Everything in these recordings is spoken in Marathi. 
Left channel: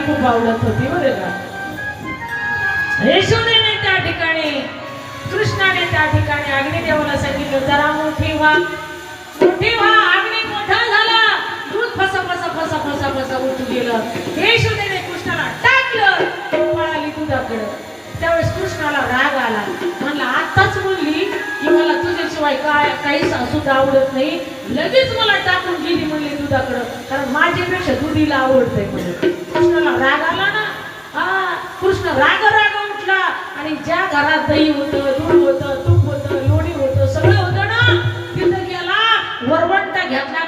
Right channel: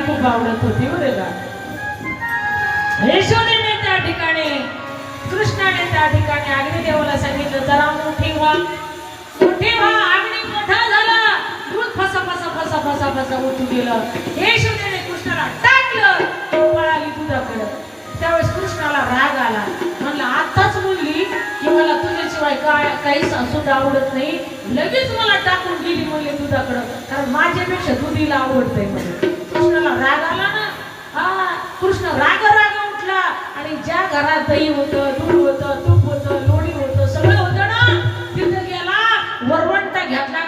खूप गावलत होती बरं का? यशोदेने त्या ठिकाणी कृष्णाने त्या ठिकाणी अग्निदेवाला सांगितलं जरा मोठी व्हा. मोठी व्हा अग्नी मोठा झाला. दूध फसा फसा फसा फसा फसा उठून गेलं. यशोदेने कृष्णाला टाकलं पळाली दुधाकडं. त्यावेळेस कृष्णाला राग आला. म्हणला आताच बोलली की मला तुझ्याशिवाय काय काहीच सुद्धा आवडत नाही. लगेच मला टाकून गेली म्हणले दुधाकडं. कारण माझ्यापेक्षा दुधीला आवडतंय म्हणजे कृष्णाला राग आला ना? हा कृष्ण राग राग उठला आणि ज्या घरात दही होतं दूध होतं तूप होतं लोणी होतं सगळं होतं ना? तिथं गेला वरवंटा घेतला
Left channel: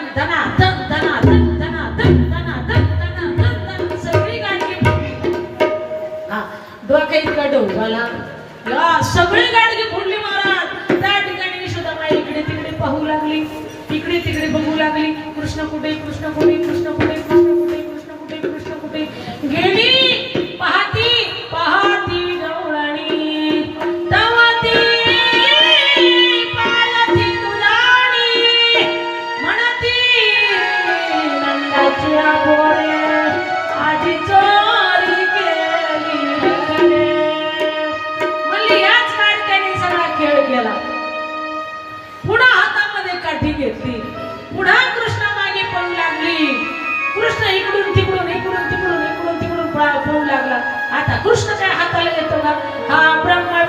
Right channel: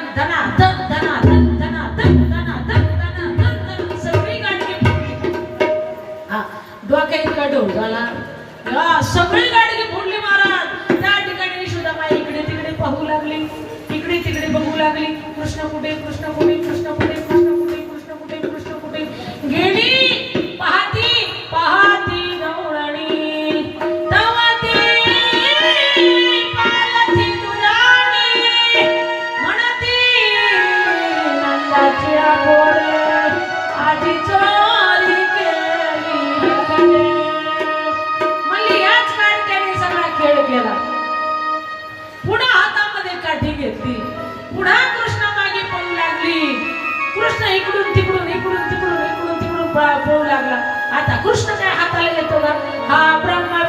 पुन्हा हातामध्ये काठी घेतली. पुन्हा कृष्ण मागे पळू लागली. कृष्ण इकडून तिकडून इकडून तिकडून इकडून तिकडून पळू लागला. आता कृष्ण काय हाताला येतो का? हा ब्रह्मा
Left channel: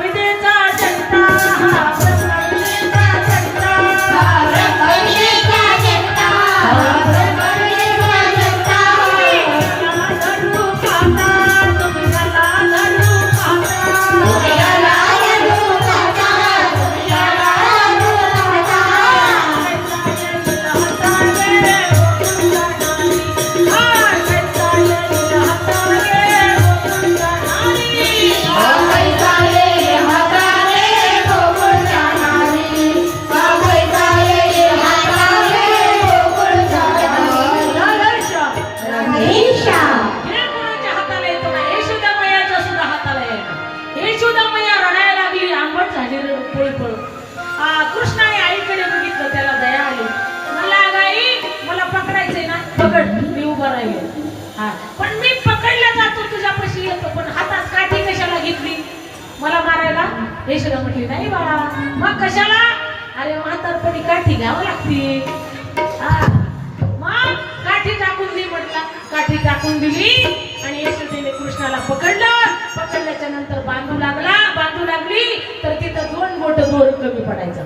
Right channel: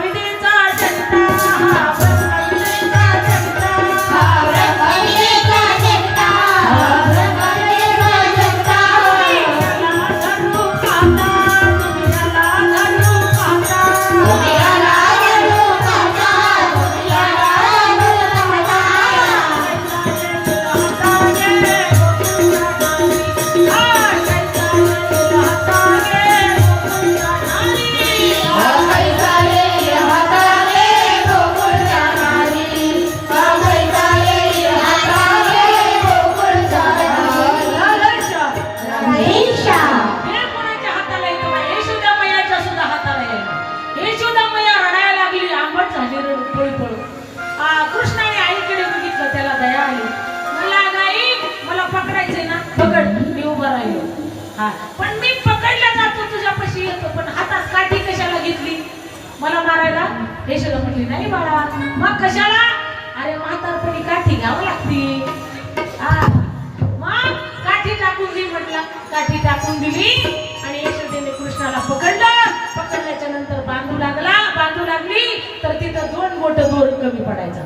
नंतर बांधू लागला बांधू लागली तर तिथं दोन मोठं दोर कमी पडायचं.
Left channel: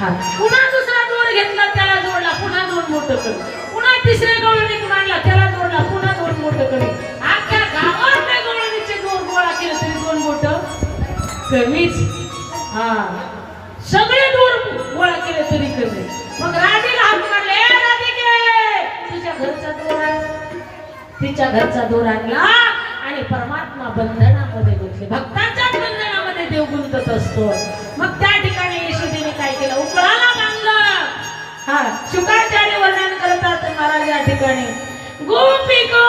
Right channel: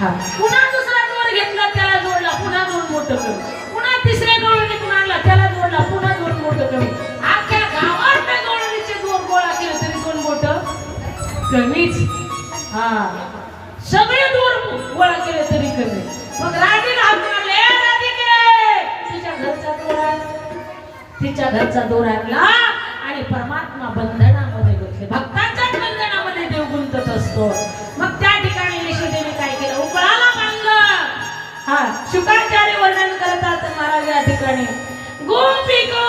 हा. पुन्हा दुसरा दोर घेतला त्याला जोडला पुन्हा दोन मोठं कमी. पुन्हा तिसऱ्या गवळणीतून आणला त्याला जोडला पुन्हा दोन मोठं कमी. अख्ख्या गावात त्या गवळणीचे दोर गोळा केलं तरी दोन मोठं कमीच. हा. सगळे दोर गोळा केले तरी कमी. मग राणीला हात मारले राधिके तुझ्या घरचा दोर तिच्या घरचा दोर आणला आणि परमात्मा बंधनामध्ये गुंतले. भक्तांच्या बंधनामध्ये देव गुंतत असतो. मग त्या ठिकाणी यशोदेने काय केलं? उकळाला बांधलं हा शुकाचार्य वर्णन करतात महाराज या ठिकाणी. गोपिका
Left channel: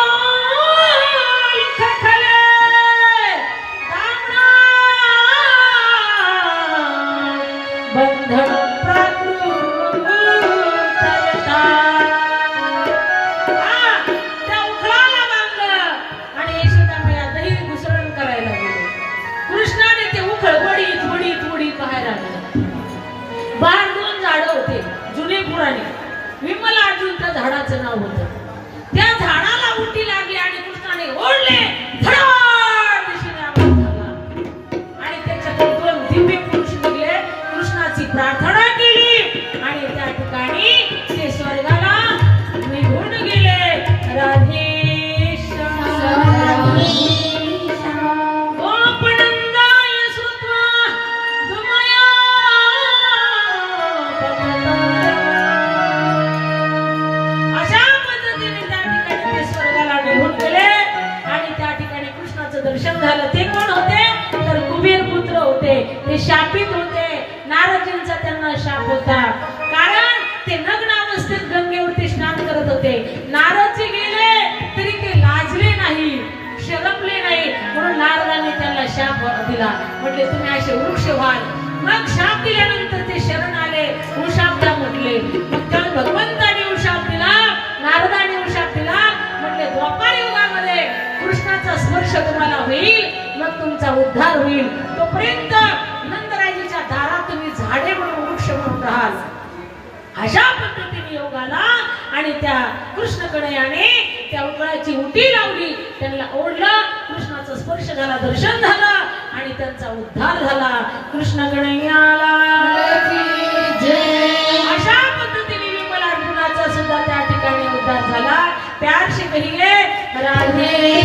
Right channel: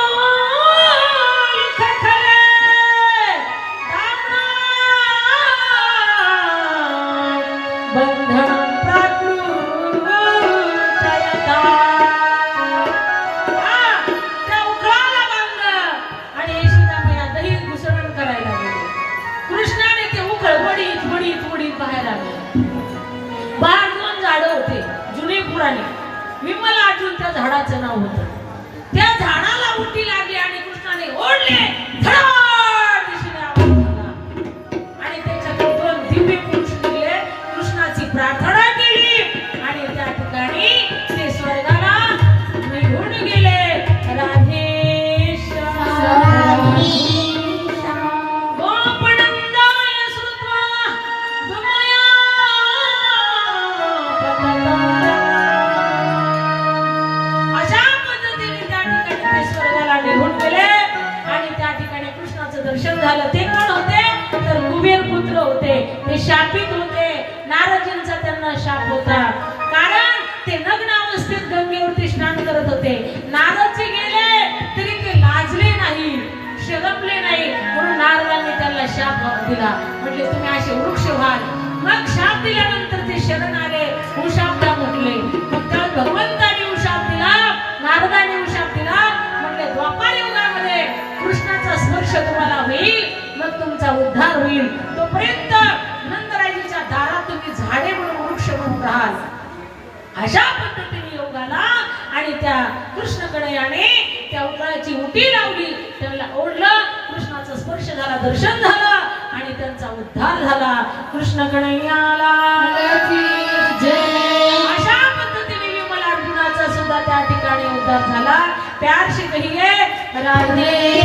प्रार्थना त्यांना म्हटले तुम्ही असे वृक्ष व्हाल मग शाप दिल्यानंतर ते शरण आले. उशापदा म्हटले भगवंताने उशाप दिला नारदाने उशाप दिला. म्हटले द्वापार युगामध्ये मोक्ष तुम्हाला होईल मग तुमचा उद्धार होईल. तोपर्यंत नंदराजीच्या दारात तुम्ही झाडे म्हणून वृक्ष म्हणून राहाल. अशा पद्धतीने योगाला आणि त्या कृष्णकडे आणि त्या उकळाची उटी लावली. त्यांना ओढलं कृष्णाचा स्पर्श झाला दर्शन झालं. आणि त्यांचा उद्धार झाला. कृष्ण कन्हैयाला अशा पद्धतीने विमल अर्जुनाचा सुद्धा त्या ठिकाणी उद्धार झाला. कहिए राधे.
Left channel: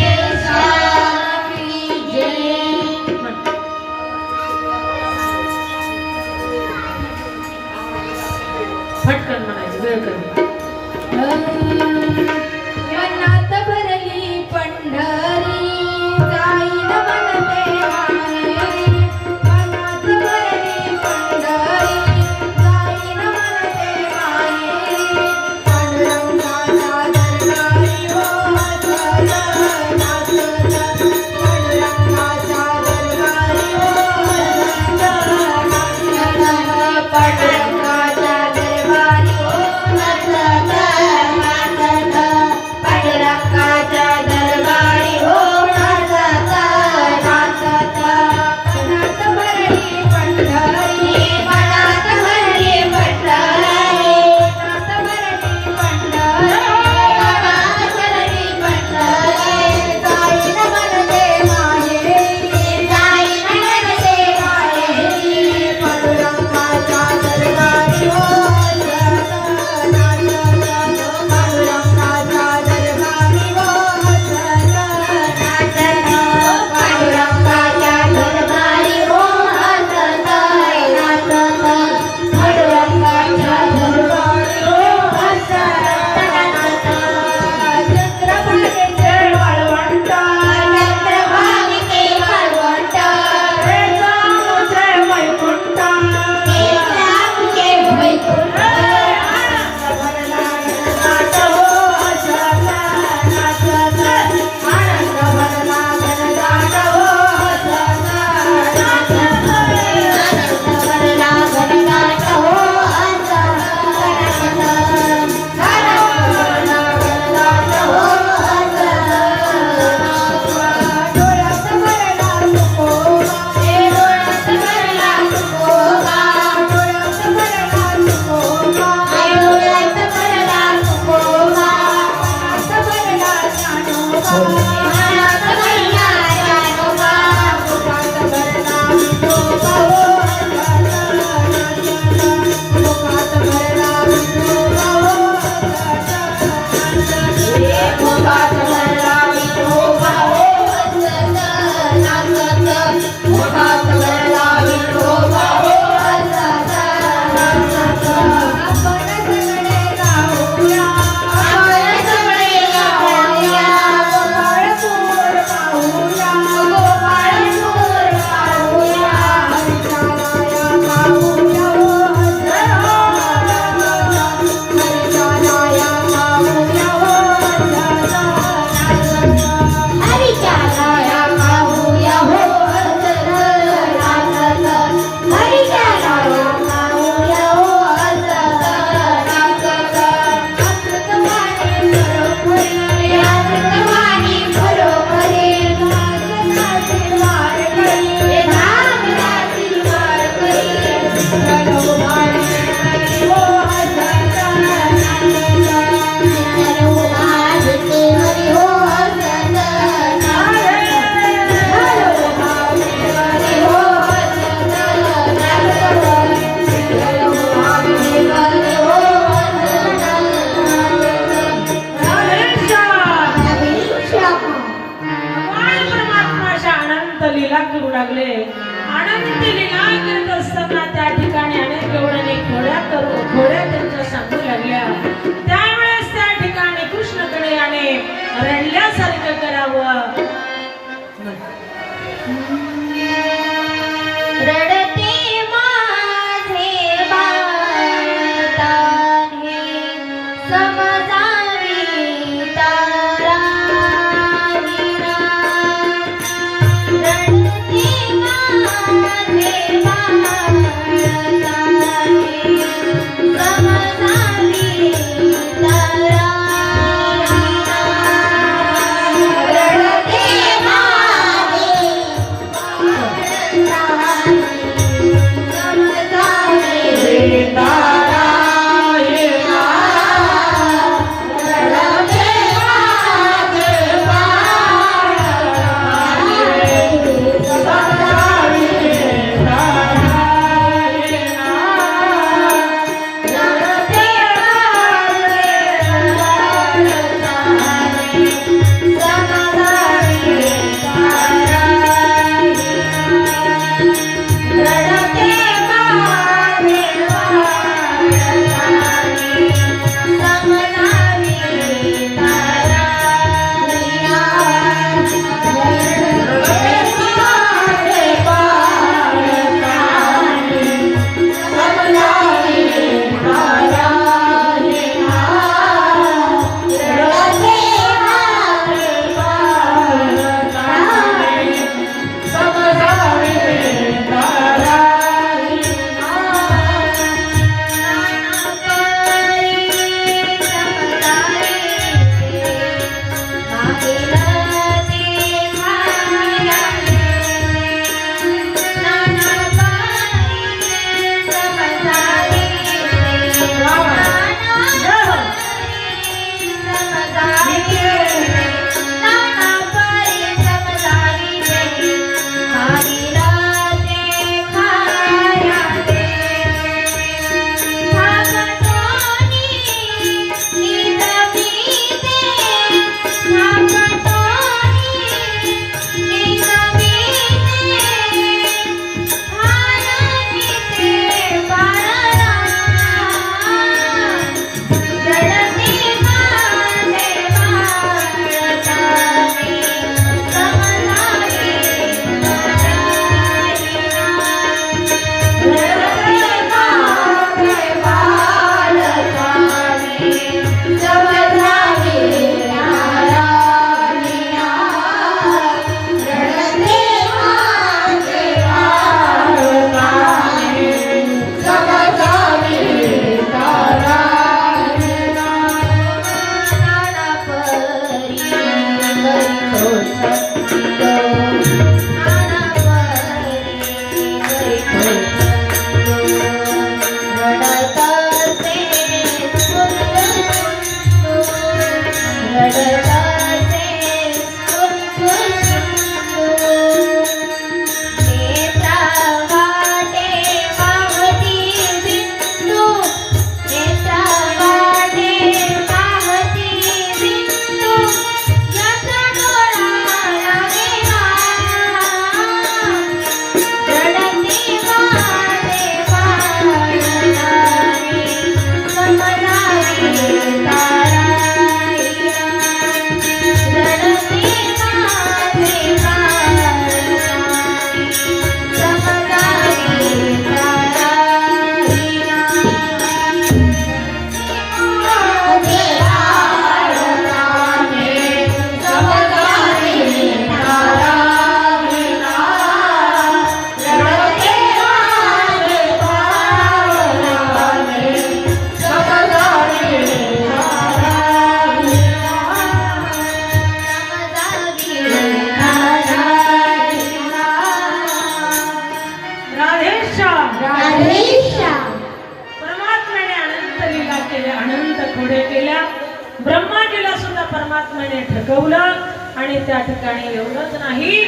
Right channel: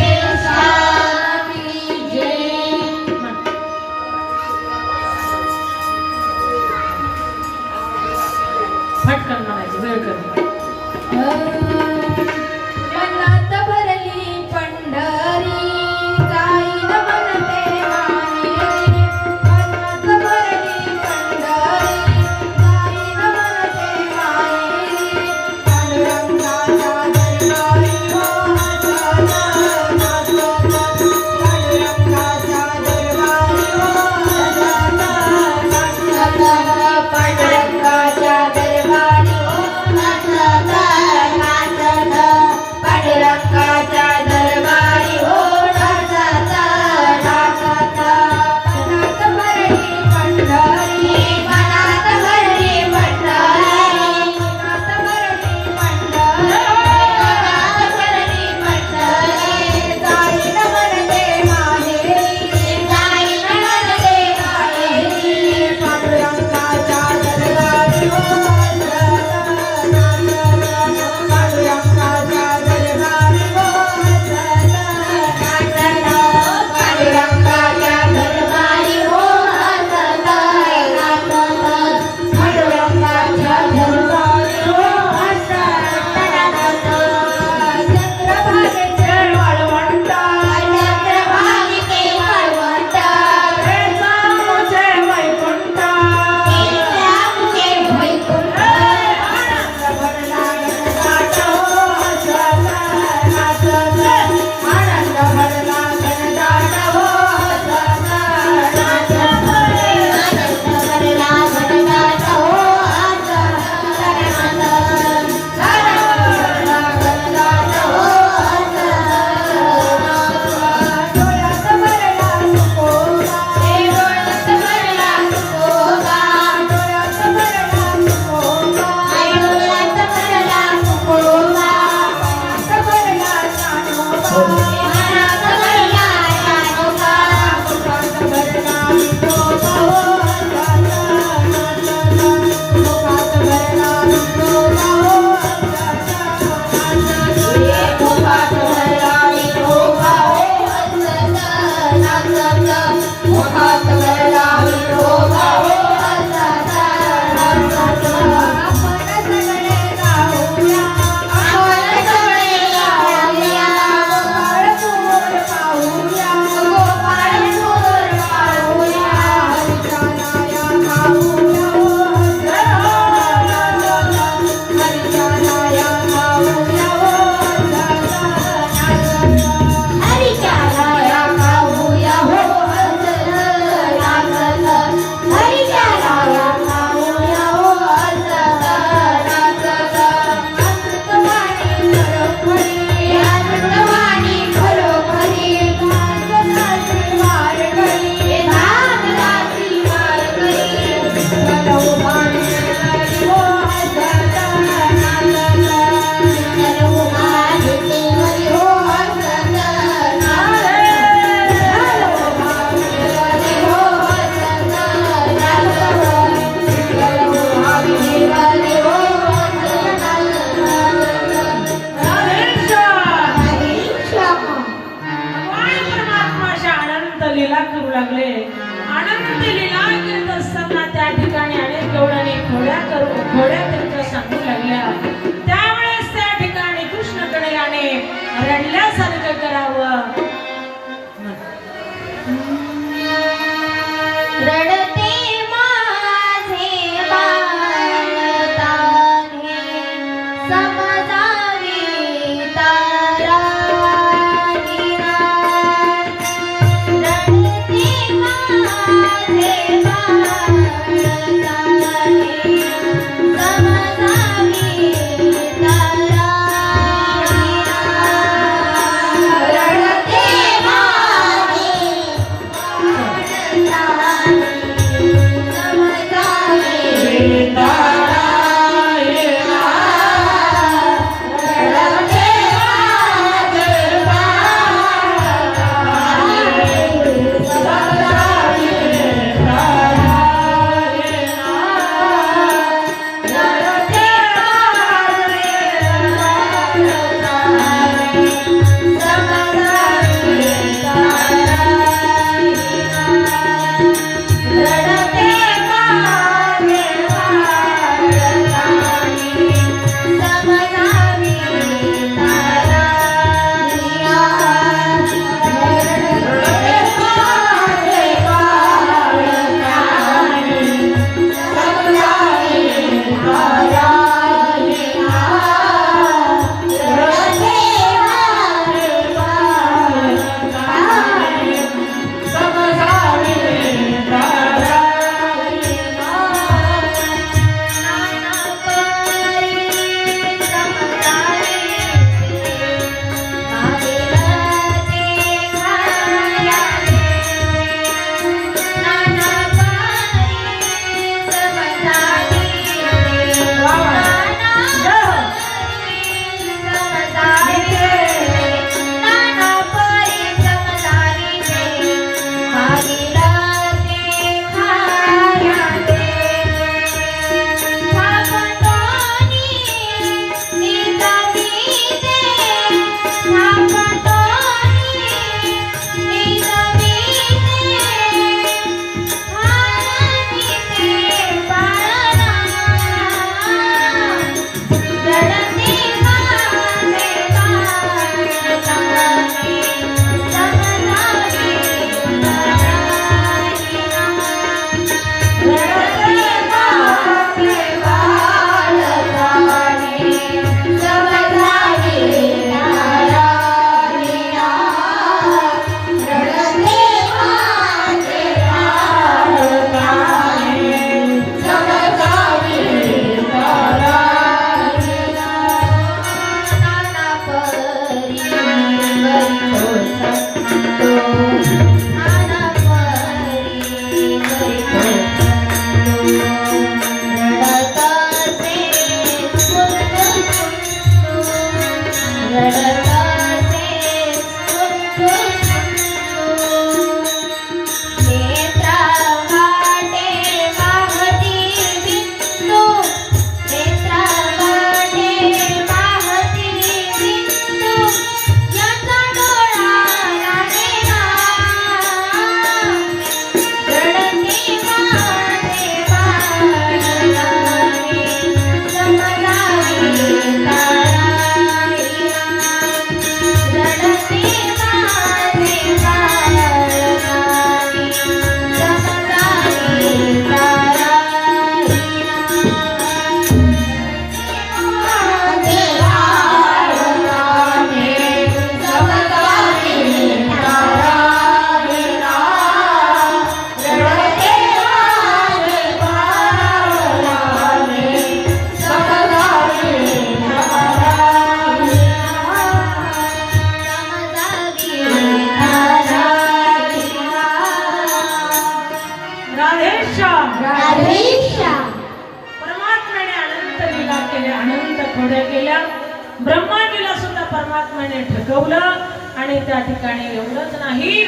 परमात्म्याने आणि त्या ठिकाणी एवढंच नाही.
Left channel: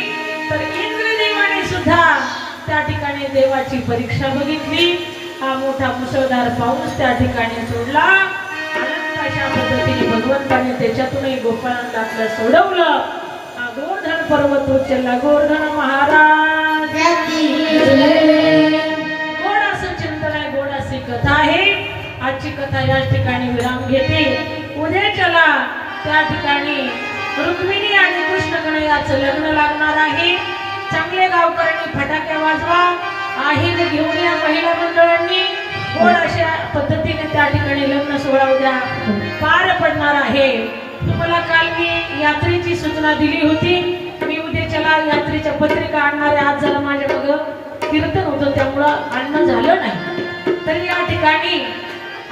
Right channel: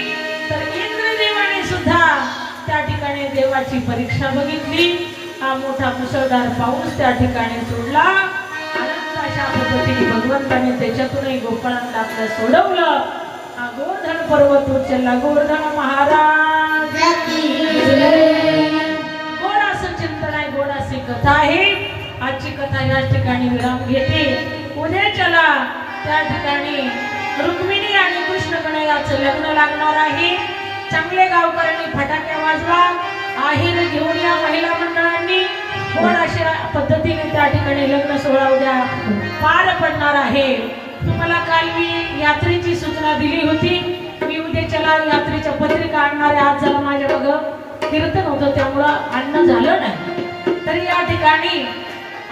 तर इंद्रदेवाने सुद्धा त्या ठिकाणी देवाची परीक्षा बघितली. हा मोठा मुसळधार पाऊस त्या ठिकाणी सोडला. अशा पद्धतीने भगवंताने त्याच्यातूनही गोपाळांना आपलं सोडवलं. हा गोवर्धन पर्वत उचलला गोवर्धन महाराज. गोड असं चिंतन आहे गोड अशी कथा आहे. आजची कथा या ठिकाणी विराम घेते. उद्या चला त्या ठिकाणी रुक्मिणी आणि कृष्ण गणयाचं लग्न लागणार आहे. चांगले गावकऱ्यांनी फटाक्या वाजवा. आहेर घेऊन या महिला मंडळांनी. कोण अशा पद्धतीने त्या ठिकाणी लग्न सोहळा उद्या पार पडणार आहे. तुम्हाला काल मी यात्रेची सूचना दिली होती. मी उद्याच्याला यात्रेच्या पत्रिका आणणारे आज झालं माझ्या बघ कीर्तन होतं त्यामुळं आणणं झालं नाही. तरी या ठिकाणी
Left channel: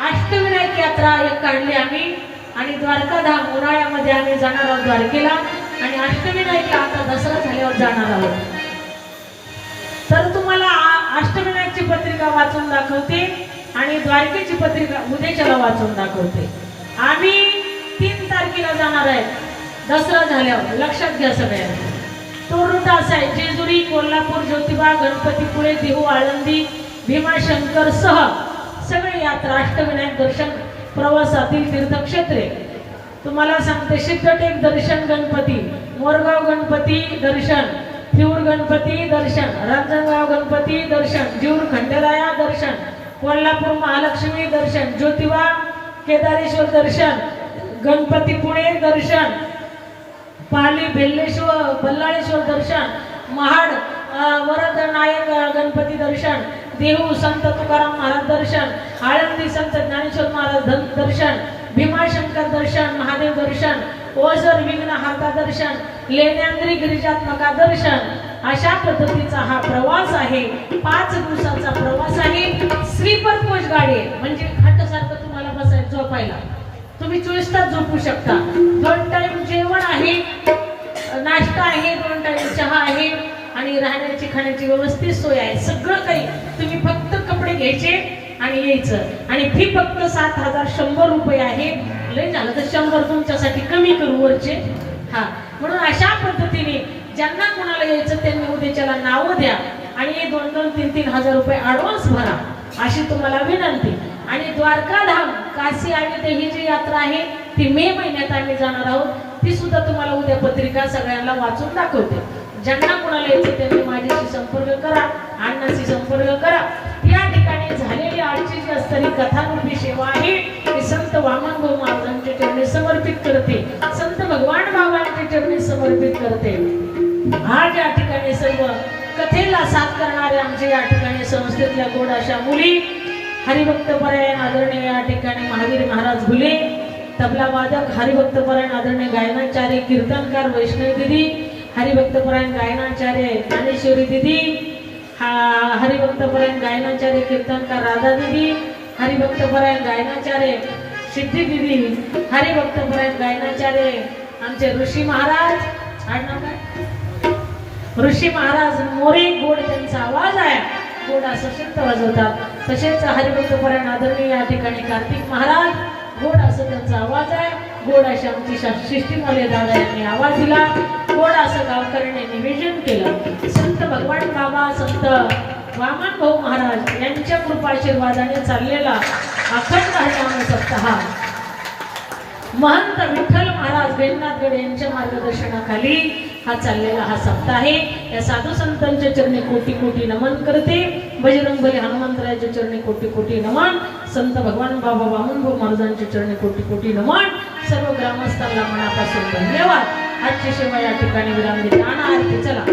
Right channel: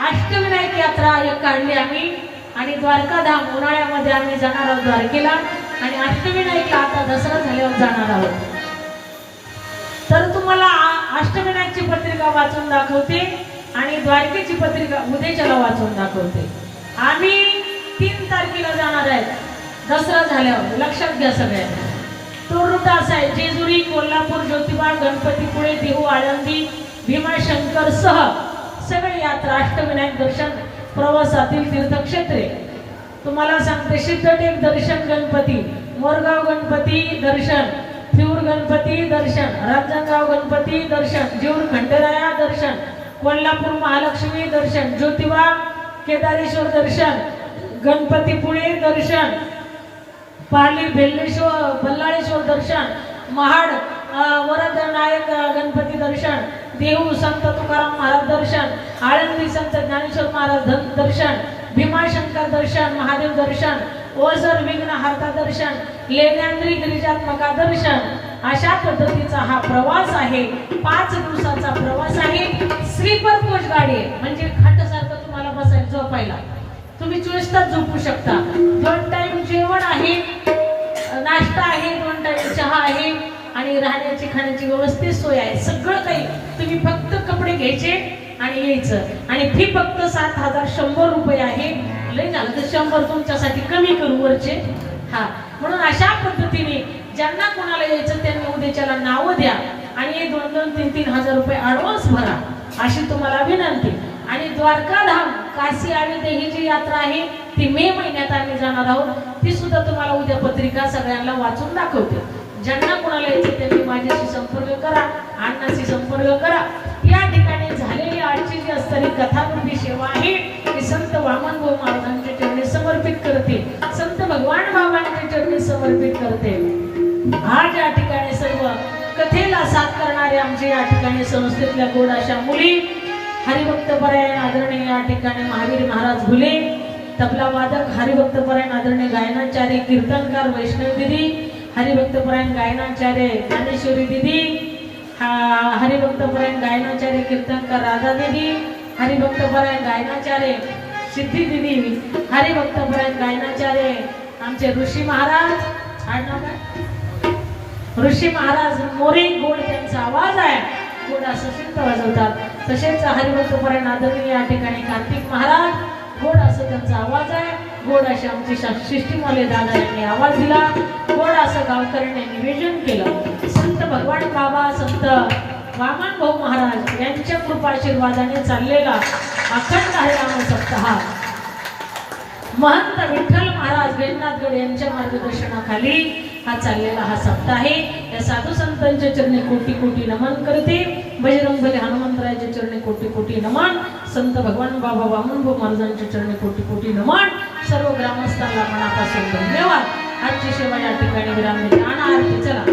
अष्टविनायक यात्रा काढली आम्ही. आणि द्वारकाधाम उन्हाळ्यामध्ये आम्ही जाणार आहोत द्वारकेला. आणि अष्टविनायक आता दसरा झाल्यावर जाणार आहोत. तर तुम्हाला अष्टविनायकची पत्रिका वाचून दाखवते आणि द्वारकेची पत्रिका उद्याच्याला वाचून दाखवते. आम्ही तीन तारखेला जाणार आहेत. दसरा झाल्यावर लक्षात घ्या सगळ्यांनी तो रूट असा आहे जेजुरी कोल्हापूर ज्योतिबा गणपतीपुळे देहू आळंदी भीमाशंकर सह सगळे यात्रा अष्टविनायक दर्शन प्रवासातील तीर्थक्षेत्रे. तुम्हाला सांगते सिद्धटेक दर्शन गणपती मोरगाव गणपती दर्शन थिऊर गणपती दर्शन रांजणगाव गणपती दर्शन जीवर खंडेराया दर्शन कोल्हापूर महालक्ष्मी दर्शन ज्योतिबा केदारेश्वर दर्शन गणपतीपुळे दर्शन पाली बेल्लेश्वर बल्लाळेश्वर दर्शन महाड देहू संत तुकाराम महाराज दर्शन आळंदी संत ज्ञानेश्वर महाराज दर्शन भीमाशंकर दर्शन महादेव दर्शन ओझर विघ्न हार्ता दर्शन लेण्यांद्री गिरिजात्मका दर्शन. अशा पद्धतीचा हा प्रवास आहे. पाच दिवसाचा प्रवास आहे. स्लीपर कोच गाडी आहे म्हणजे खाटासारखं तुम्हाला बसायचं झोपायला. तुम्ही चोवीस तास झोपू शकता. दोन टाइम जेवण आहे नाश्ता आहे दोन टाइम चहा आहे आणि राहण्याची खाण्याची व्यवस्थित सोय आहे. सगळं काही तुम्ही फक्त कपडे घ्यायचे आणि यायचं. आणि फी फक्त सात हजार शंभर रुपये आहे. लय झालं तर शंभर तुमच्यासाठी कमी करू वरचे. हा. म्हणून अशा पद्धतीने ज्यांना कोणाला यायचं त्यांनी उद्याच्याला नावं द्या आणि हे दोन दोन तीन तीन हजार रुपये ॲडव्हान्स भरा अशी तुम्हाला विनंती. आणि द्वारकाधाम काशी आणि ही जी यात्रा आहे ती मे महिन्यात आम्ही जाणार आहोत. ती सुद्धा तुम्हाला उद्या पत्रिका सगळ्यांना वाचून दाखवते. ज्यांना कोणाला येते त्यांनी माझ्याशी संपर्क करा अण्णाशी संपर्क करा. या ठिकाणी झालेली आजची जी असणारी कथारूपी सेवा आहे ती संत वामनभाऊ महाराजांच्या चरणी समर्पित करते. संत भगवान बाबांच्या चरणी समर्पित करते. आज या ठिकाणी सर्व कथेला साथ करणारे आमचे या ठिकाणी संस्थेतल्या गोड अशा मुली हरिभक्त परायण आदरणीय या ठिकाणी महावीर महाराज भुले तबला वादक हरिभक्तपरायण आदरणीय गायनाचार्य कीर्तनकार वैष्णव दिदी हरिभक्तपरायण गायनाचार्य ज्ञानेश्वरी दिदी हरिभक्तपरायण गायनाचार्य कीर्तनकार राधा दिदी हरिभक्तपरायण गायनाचार्य सिद्धी दिदी हरिभक्तपरायण गायनाचार्य आमचे ऋषी महाराज आडनाव काय ऋषी महाराज मोरी गोड त्यांचा आवाज आहे. गोड असं वाजवतात. तसेच हरिभक्तपरायण आदरणीय या ठिकाणी कार्तिक महाराज गोड असं त्यांचा आवाज आहे. गोड अशी आमची सृष्टीमौल्य दादा यांनी आवाज दिला. गोड असं गावकऱ्यांनी निवेदन केलं. संत भगवान बाबा संत वामन भाऊ महाराज यांच्या कृपाशीर्वादाने चाललेला अखंड हरिनाम सप्ताह. महंत विठ्ठल महाराज गणनाथगड यांच्या मार्गदर्शनाखाली हा चाललेला हा सप्ताह आहे. या साधू संतांच्या चरणी कोटी कोटी नमन करते. बजरंगबली हनुमंतरायाच्या चरणी कोटी कोटी नमन. संत भगवान बाबा वामनभाऊ महाराजांच्या चरणी कोटी कोटी नमन सर्व ग्रामस्थांना मनापासून धन्यवाद. आजची सेवा या ठिकाणी विराम देते आणि आरती चला